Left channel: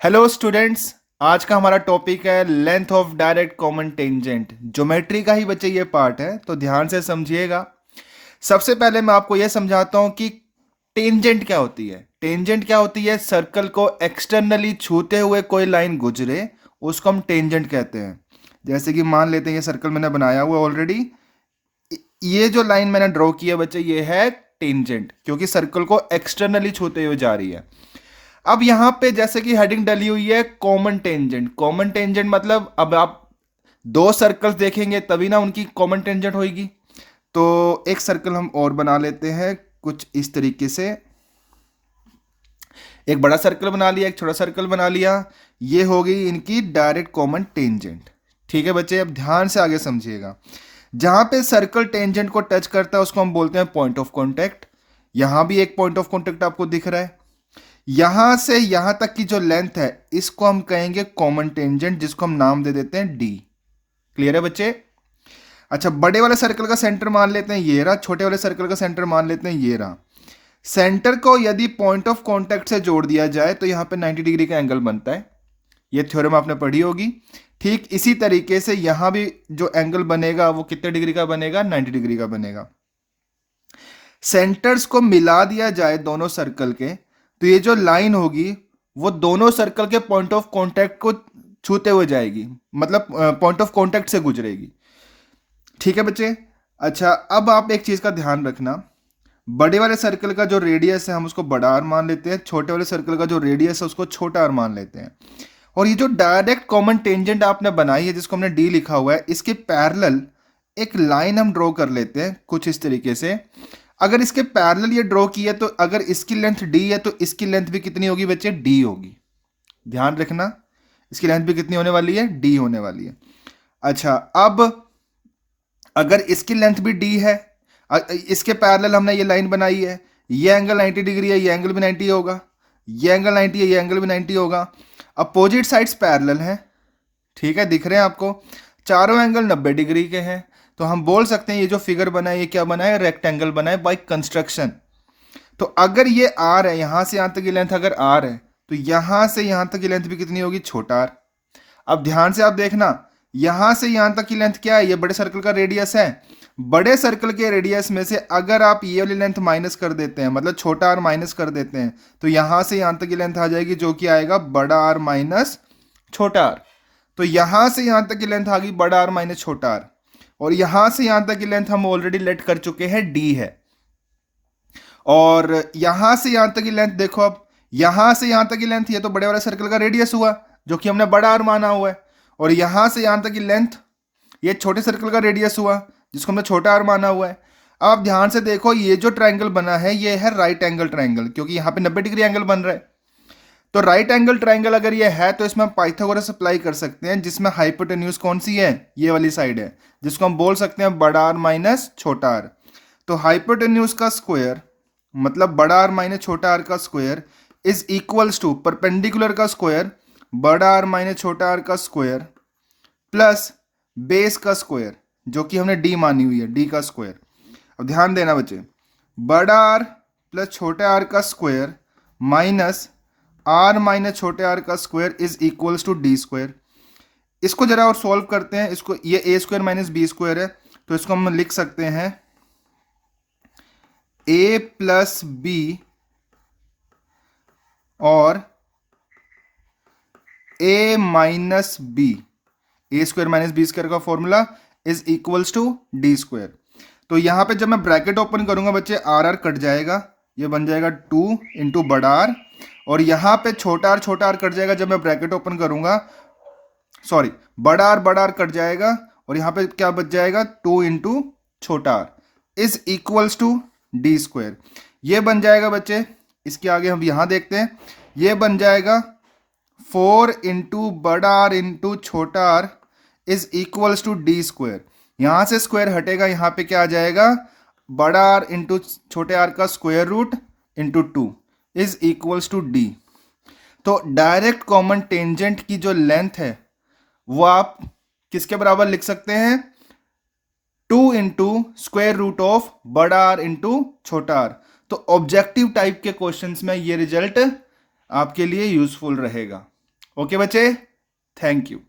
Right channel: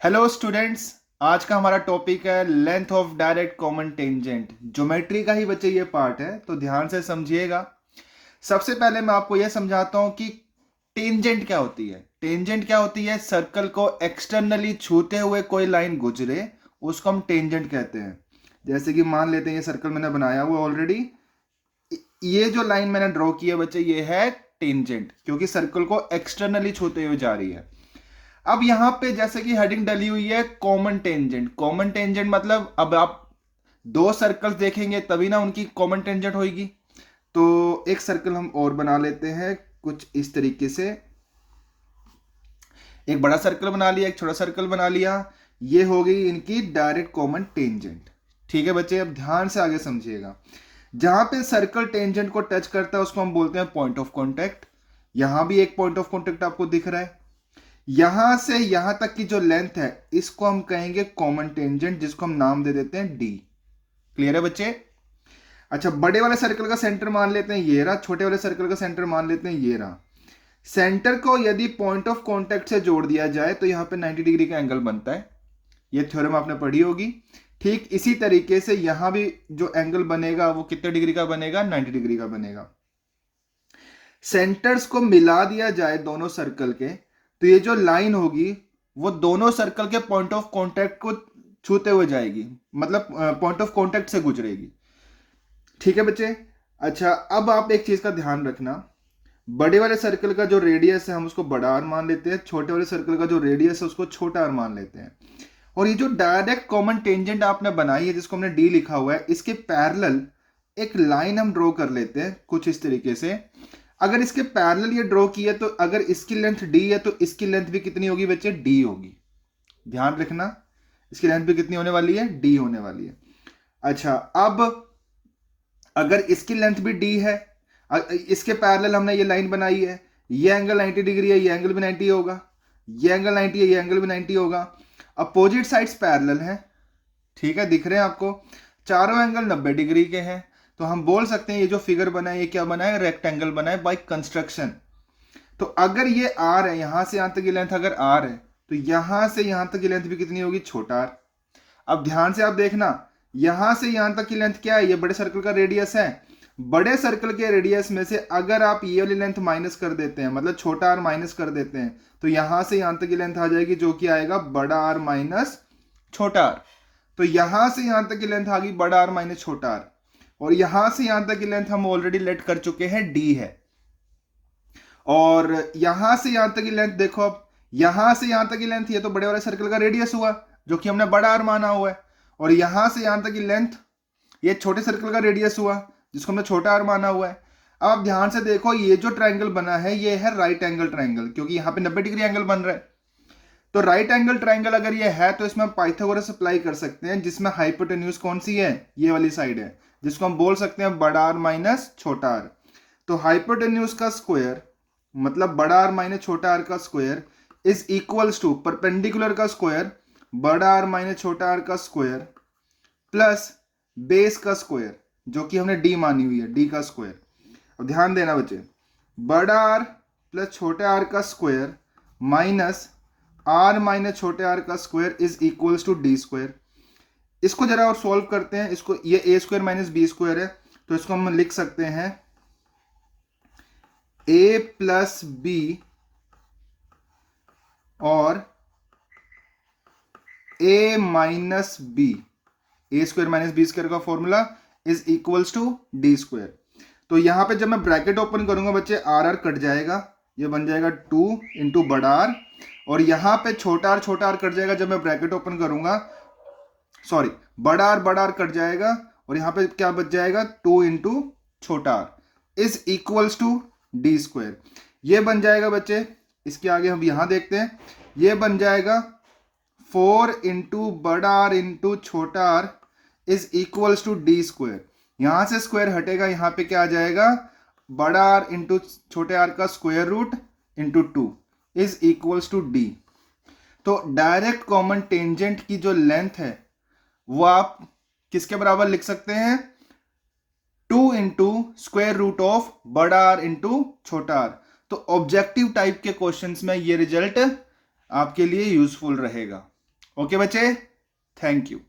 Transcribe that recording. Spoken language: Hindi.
Hello students. आज का हमारा टॉपिक है length of direct common tangent. Geometry का ही बच्चे ये पार्ट है, तो ध्यान से समझिएगा। सबसे पहले मैं आपको ये समझाता हूँ कि टेंजेंट क्या होती है। टेंजेंट क्या होती है? सर्कल को एक्सटर्नली छूते हुए कोई लाइन गुजरे, उसको हम टेंजेंट कहते हैं। जैसे कि मान लेते हैं ये सर्कल मैंने बनाया हुआ ऑलरेडी, ये जो लाइन मैंने ड्रॉ की है बच्चे, ये है टेंजेंट, क्योंकि सर्कल को एक्सटर्नली छूते हुए जा रही है। अब यहां पे जैसे कि हेडिंग डली हुई है कॉमन टेंजेंट। कॉमन टेंजेंट मतलब अब आप दो सर्कल्स देखेंगे तभी ना उनकी कॉमन टेंजेंट होगी। तो एक सर्कल हम और बना लेते हैं कुछ इस तरीके से। एक बड़ा सर्कल बना लिया, एक छोटा सर्कल बना लिया। ये हो गई इनकी डायरेक्ट कॉमन टेंजेंट। ठीक है बच्चे, अब ध्यान से आगे समझिएगा। जहां पे सर्कल टेंजेंट को टच करता है उसको हम बोलते हैं पॉइंट ऑफ कॉन्टेक्ट। यहां भी एक पॉइंट ऑफ कॉन्टेक्ट आपको दिख रहा है। यहां से यहां तक की जो लेंथ है इसको हम कहेंगे कॉमन टेंजेंट, जिसको हम नाम दे देते हैं डी। क्लियर है बच्चे? अच्छा, बड़े वाले सर्कल का सेंटर मान लेते हैं ये रहा, छोटे वाले सर्कल का सेंटर मान लेते हैं ये रहा। सेंटर को यदि पॉइंट ऑफ कांटेक्ट से जोड़ दिया जाए तो यहां पे 90 डिग्री का एंगल बनता है। ये थ्योरम आपने पढ़ी होगी। ठीक इसी तरीके से यहां भी जो एंगल बनेगा वो कितने डिग्री का बनेगा? 90 डिग्री का बनेगा। सेंटर्स को मिला दिया जाए दोनों सर्कल के, तो ये जो लाइन होगी वो दोनों सर्कल के पॉइंट ऑफ कांटेक्ट को छूते हुए जाएगी, मतलब पॉइंट ऑफ कांटेक्ट से गुजरेगी। ठीक है बच्चे? अच्छा, अब आप एक चीज का ध्यान रखना। बड़े वाले सर्कल का जो रेडियस है हम उसको बड़ा आर मान लेते हैं, छोटे वाले सर्कल का जो रेडियस है उसको छोटा आर मान लेते हैं। और ये जो डायरेक्ट कॉमन टेंजेंट आपने बनाई है जिसको हमने डी लिखा हुआ है, इसके पैरेलल एक लाइन हम ड्रॉ कर लेते हैं कुछ इस तरीके से। अगर इसके पैरेलल ये ड्रॉ की है तो अगर इसकी लेंथ डी है तो इसकी लेंथ भी कितनी होगी बच्चे? डी होगी। ध्यान रखना, इसकी लेंथ भी कितनी होने वाली है? डी होने वाली है। अच्छा, अब अगर इसकी लेंथ भी डी है, इसके पैरेलल हमने ये लाइन बनाई है, ये एंगल 90 डिग्री है, ये एंगल भी 90 होगा। ये एंगल 90 है, ये एंगल भी 90 होगा। अपोजिट साइड्स पैरेलल हैं। ठीक है, दिख रहे हैं आपको? चारों एंगल 90 डिग्री के हैं। तो हम बोल सकते हैं ये जो फिगर बना है ये क्या बना है? रेक्टेंगल बना है बाय कंस्ट्रक्शन। तो अगर ये आर है, यहां से यहां तक की लेंथ अगर आर है तो यहां से यहां तक की लेंथ भी कितनी होगी? छोटा आर। अब ध्यान से आप देखना, यहां से यहां तक की लेंथ क्या है? ये बड़े सर्कल का रेडियस है। बड़े सर्कल के रेडियस में से अगर आप ये वाली लेंथ माइनस कर देते हैं, मतलब छोटा आर माइनस कर देते हैं, तो यहां से यहां तक की लेंथ आ जाएगी जो कि आएगा बड़ा आर माइनस छोटा आर। तो यहां से यहां तक की लेंथ आ गई बड़ा आर माइनस छोटा आर। और यहां से यहां तक की लेंथ हम ऑलरेडी लेट कर चुके हैं डी है। और यहां से यहां तक की लेंथ देखो, अब यहां से यहां तक की लेंथ, ये तो बड़े वाले सर्कल का रेडियस हुआ जो कि हमने बड़ा आर माना हुआ है। और यहां से यहां तक की लेंथ ये छोटे सर्कल का रेडियस हुआ जिसको हमने छोटा आर माना हुआ है। अब आप ध्यान से देखो, ये जो ट्रायंगल बना है ये है राइट एंगल ट्रायंगल, क्योंकि यहाँ पे 90 डिग्री एंगल बन रहा है। तो राइट एंगल ट्रायंगल अगर ये है तो इसमें हम पाइथागोरस अप्लाई कर सकते हैं, जिसमें हाइपोटेन्यूज कौन सी है? ये वाली साइड है, जिसको हम बोल सकते हैं बड़ा आर माइनस छोटा आर। तो हाइपोटेन्यूज का स्क्वायर मतलब बड़ा आर माइनस छोटा आर का square is equals to perpendicular का स्क्वायर बड़ा आर माइनस छोटा आर का स्क्वायर प्लस बेस का स्क्वायर, जो कि हमने डी मानी हुई है, डी का स्क्वायर। अब ध्यान देना बच्चे, बड़ा आर प्लस छोटे आर का स्क्वायर माइनस आर माइनस छोटे आर का square is equals to D square. इसको जरा और सॉल्व करते हैं। इसको, ये A square minus B square है, तो इसको हम लिख सकते हैं ए प्लस बी और A minus B. A square minus B square का formula is equals to D square. तो यहां पे जब मैं ब्रैकेट ओपन करूंगा बच्चे, आर आर कट जाएगा, ये बन जाएगा 2 इंटू बड़ा आर। और यहां पे छोटा आर कट जाएगा जब मैं ब्रैकेट ओपन करूंगा, सॉरी, बड़ा आर कट जाएगा और यहां पे क्या बच जाएगा? 2 इंटू छोटा R is equals to D square. ये बन जाएगा बच्चे, इसके आगे हम यहां देखते हैं, ये बन जाएगा 4 इंटू बड़ा आर इंटू छोटा R is equals to D square. यहां से स्क्वायर हटेगा, यहां पे क्या आ जाएगा? बड़ा आर इंटू छोटे आर का square root into 2 is equals to D. तो डायरेक्ट कॉमन टेंजेंट की जो लेंथ है वो आप किसके बराबर लिख सकते हैं? 2 इंटू स्क्वायर रूट ऑफ बड़ा आर इंटू छोटा आर। तो ऑब्जेक्टिव टाइप के क्वेश्चंस में ये रिजल्ट आपके लिए यूजफुल रहेगा। ओके बच्चे, थैंक यू।